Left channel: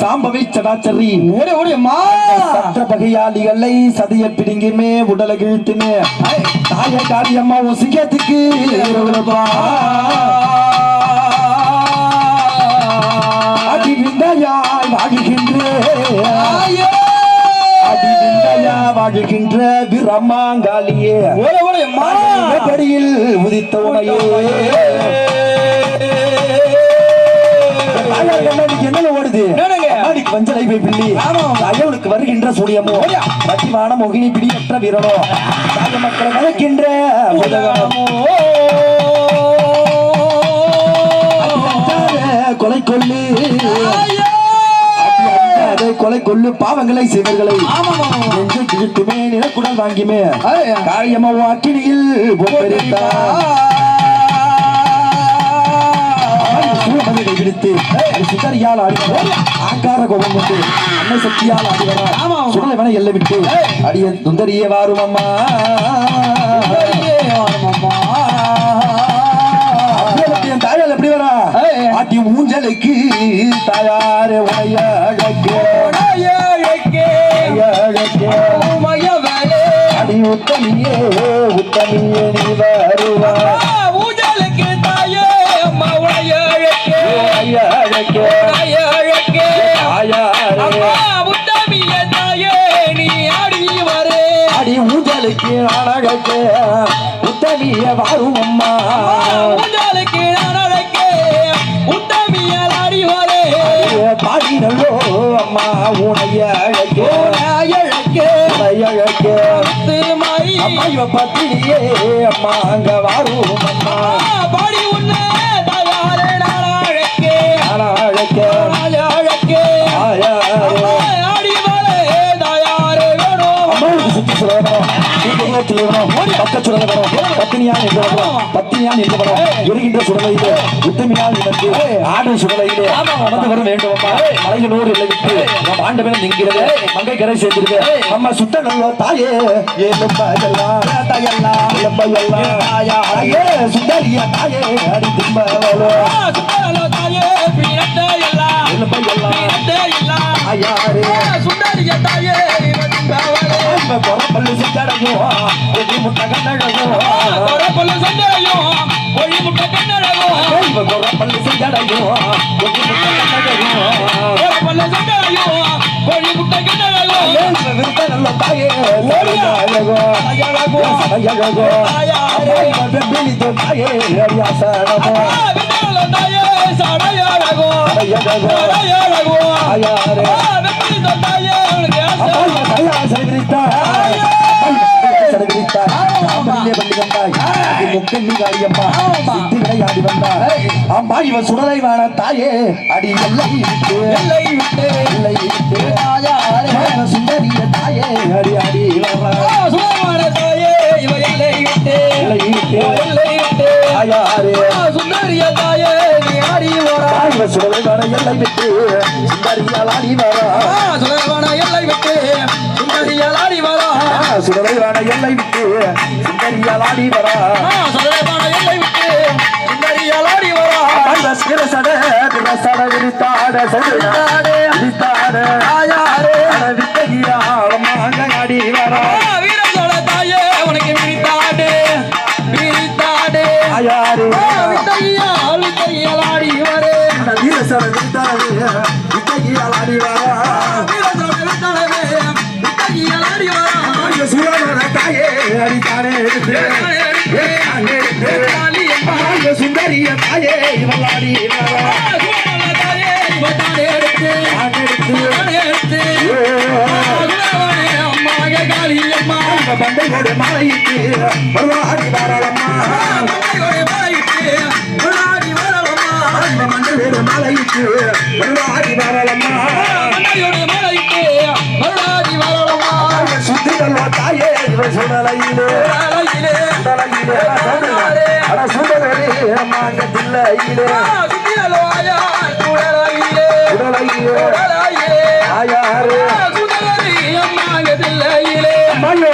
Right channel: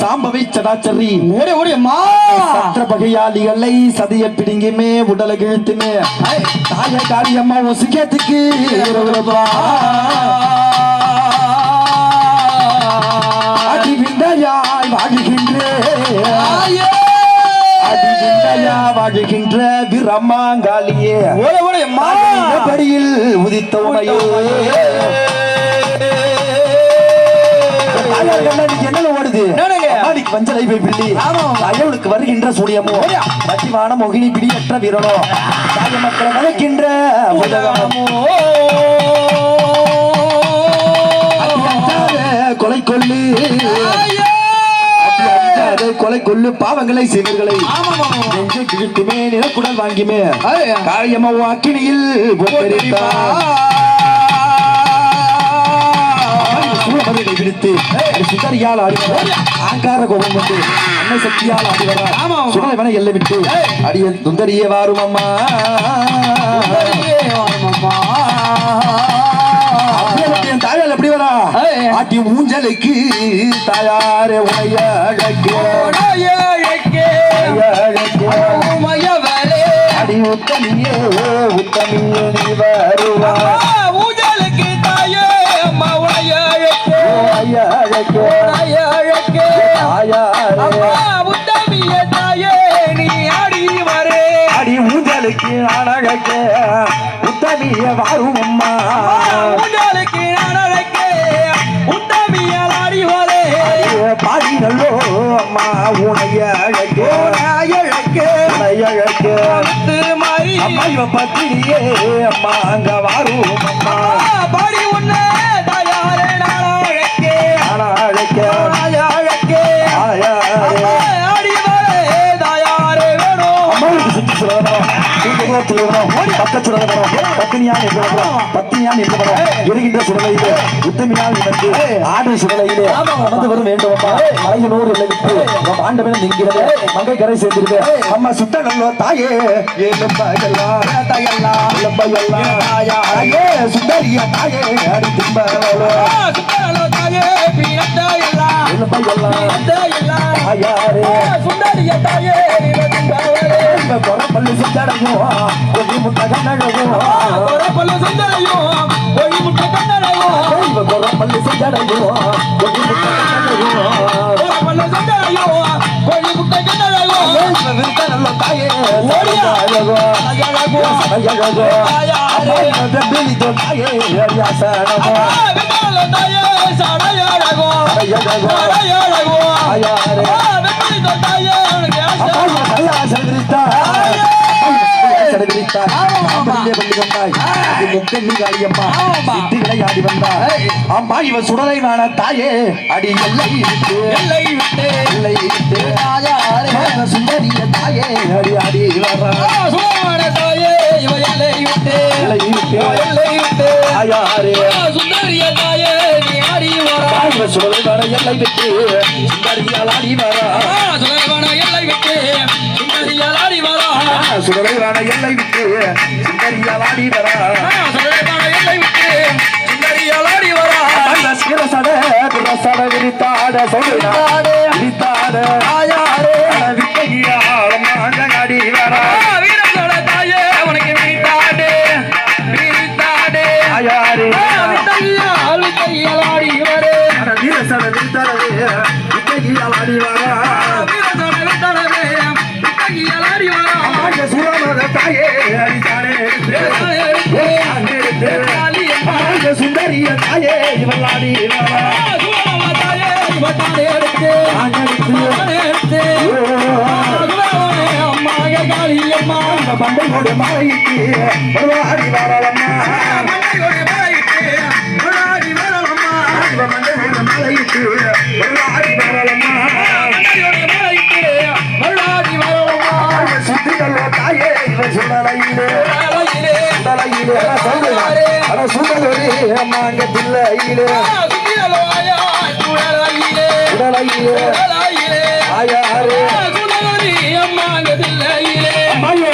சாம்பவி சடாச்சரி ஓடி ஓடி அம்மா சற்ற பகையாளிகளை சதிய பிடிங்குமே உடலை கிழித்துமே தாய காரியம்மா ஒசிக்கத்துக்கு அடி விந்தையாய் வாழுகின்ற பிரம்மாங்காலியே படியில் உதித்தவனையே என்ன ஓடுது வஞ்சலை பிள்ளி அயவுக்கு வருகின்ற சூரியமோ மத்திமான மோகினி பிடியற்ற வீரனோ தாய மக்களை வளர்க்கின்ற கொலை கொள்ளு கொலை கொள்ளு பாவங்களை செய்வர்களை நெஞ்சு கிழித்துமே நிலக்குடல் வாங்கிமே காரியமா அக்கினியில் விடுத்து சுகரியால் ஆடுகிறார் ஆங்கார கோபம் கொண்டு அன்னை சக்தியால் ஆடுகிறார் சுடலை எல்லை விட்டு அடிய சுந்தரியே வாரும் அம்மா தாயால் எப்படி வரா ஆட்டி ஊஞ்சலுக்கு தாயாரே உடைய அடி உத்தமியே உத்தமியே நீ வருவா அடி ஊஞ்சலுக்கு அழகே உத்தமிய வாரும் அம்மா ஊஞ்சலுக்கு அழகே உத்தமிய ஆடி வரே பாடி நல்லோ அம்மா உனைய அழகே அம்மா இவ பத்திரியே அம்மா அங்க வாரும் அம்மா பாடி உன்ன தயாரே நாளழகே அழகே அழகே ஆடி வரே தயாரே வேணும் அம்மாவுக்கு சுத்தி சொல்லணும் பத்தினியால் எரிகின்ற சுடலையிலே உத்தமியால் இணைந்து ஆடு சுடலையிலே அமர்ந்து வர வேண்டும் மலையனூர் இல்லை விட்டு ஆண்டவன் நிற்கிறது மங்கை கரை சேர்ந்திருக்கு அம்மா சுட்ட நல்ல தாயே சுந்தரிய தாயே அடி திம்ப சுந்தரிய தாயே பல்லு செஞ்சடையும் ஒளி முட்டை கண்ணழகும் பல்லு செஞ்சடையும் ஒளி முட்டை கண்ணழகும் பல்லு செஞ்சடையும் ஒளி முட்டை கண்ணழகும் பல்லு செஞ்சடையும் ஒளி முட்டை கண்ணழகும் நல்ல தாயே அழகோ வெம்பிலிதோ தாயே அரியாசனமோ தாயே சடையழகோ சடையழகோ ஆயாரே வெம்பிலிதோ தாயே அம்மா இவ சுடலை நான தாயே அடி எல்லை விட்டு சுந்தரிய தாயே அடி அடி தாயே இவ எல்லை விட்டு சுந்தரிய தாயே நீ ஆடி வரா சுடலை நான எல்லை விட்டு சுந்தரியால் ஆடி வரா எல்லை விட்டு சுந்தரியால் ஆடி வரா சுடலைவான எல்லை விட்டு சுந்தரியால் ஆடி வரா சுடலைவான எல்லை விட்டு சுந்தரியால் ஆடி வரா விரித்தாட விரித்தாட ஆயாரே விட்டகியா ஆடி வரா வீரசோட தாயே உனக்கு விரித்தாடு ஆயாரே விட்டகியால் ஆடி வரே வீரசோட விரித்தாடவே விட்டகியால் ஆடி வரா தாயே அடித்தானே சுந்தரிய தாயே இவளாடி பண்டையோட மாலைக்கு வருவாடி வாரலம்மா மாலைக்கு வருவாடி வரலம்மா சுத்திகள் தாயே இவன் சுடலையிலே சுடலி அம்மா அங்க தில்லையிலே உடலையிலே ஆயாரே அம்மா அங்க தில்லையிலே மாண்டே